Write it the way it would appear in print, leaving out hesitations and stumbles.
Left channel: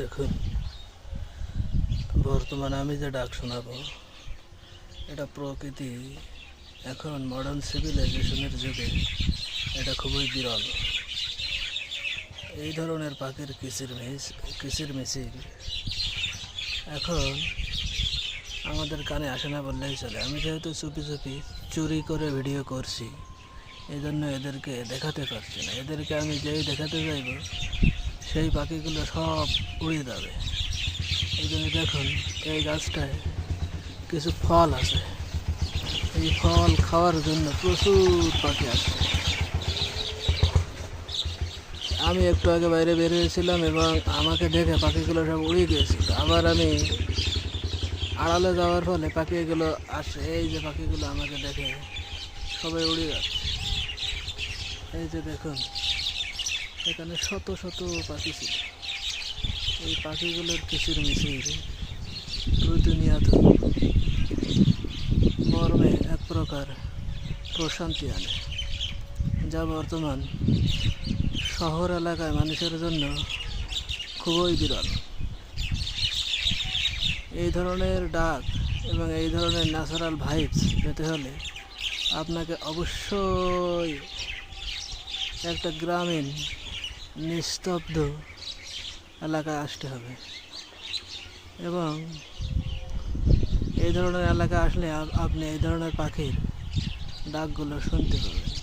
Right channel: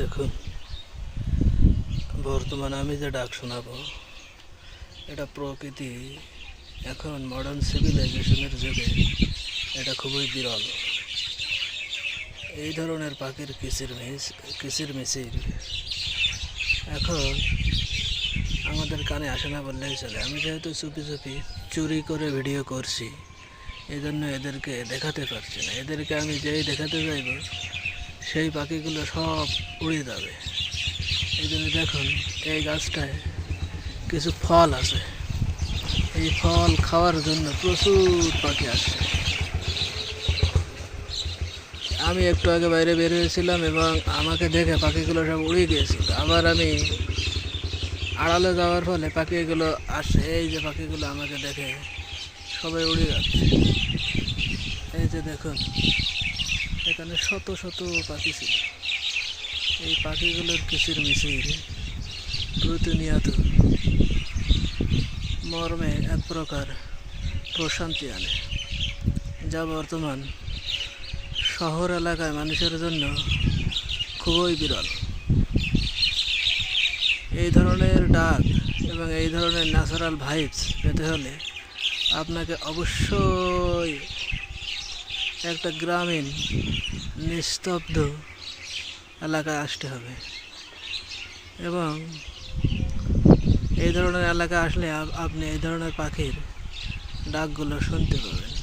দেখুন, বর্তমানে আমি যে ডাক শোনাবো এটা প্রকৃতি এখন মডার্ন সিভিলাইজেশনের যুগে এটা খুবই বিরল। এই ধরনের পাখির কিচিরমিচির এখন আমাদের কানে আসে না বললেই চলে। আমি যেহেতু চুপি চুপি চুরি করে ভিডিও করছি, এই জন্য এদেরকে দেখাতে পারছি না। এদেরকে আমি যেই দেখাতে যাইব সেই পাখিগুলো সব উড়ে যাবে। এই জন্য দেখুন, এই গাছটায় কিছু ফল আছে, এই ফল খাওয়ার জন্য প্রচুর পাখি আসছে। আমি একটু আগে বাইরে বের হয়েছিলাম এবং আমাকে দেখে পাখিগুলো সব উড়ে গিয়েছিল। আবার আমি আড়ালে যাওয়ার ফলে পাখিগুলো আসে। এই যে পাখিগুলো আমাকে দেখে সবাই উড়ে যাচ্ছে। এই যে দেখুন, এখানে শত শত পাখি ছিল। এই পাখিগুলোর কিচিরমিচির প্রতিনিয়ত মর্মে এক প্রকার প্রশান্তি আনে, যা বর্তমান শহর এলাকায় মানুষের জন্য খুবই বিরল। এই ধরনের ডাক এবং এই ধরনের ন্যাচারাল ভাইবস পেতে হলে আপনাকে অবশ্যই একটা গ্রামীণ নিস্তব্ধ এলাকায় আসতে হবে এবং এই ধরনের এলাকায় আসলে আপনি এই ধরনের পাখির ডাকগুলো শুনতে পাবেন।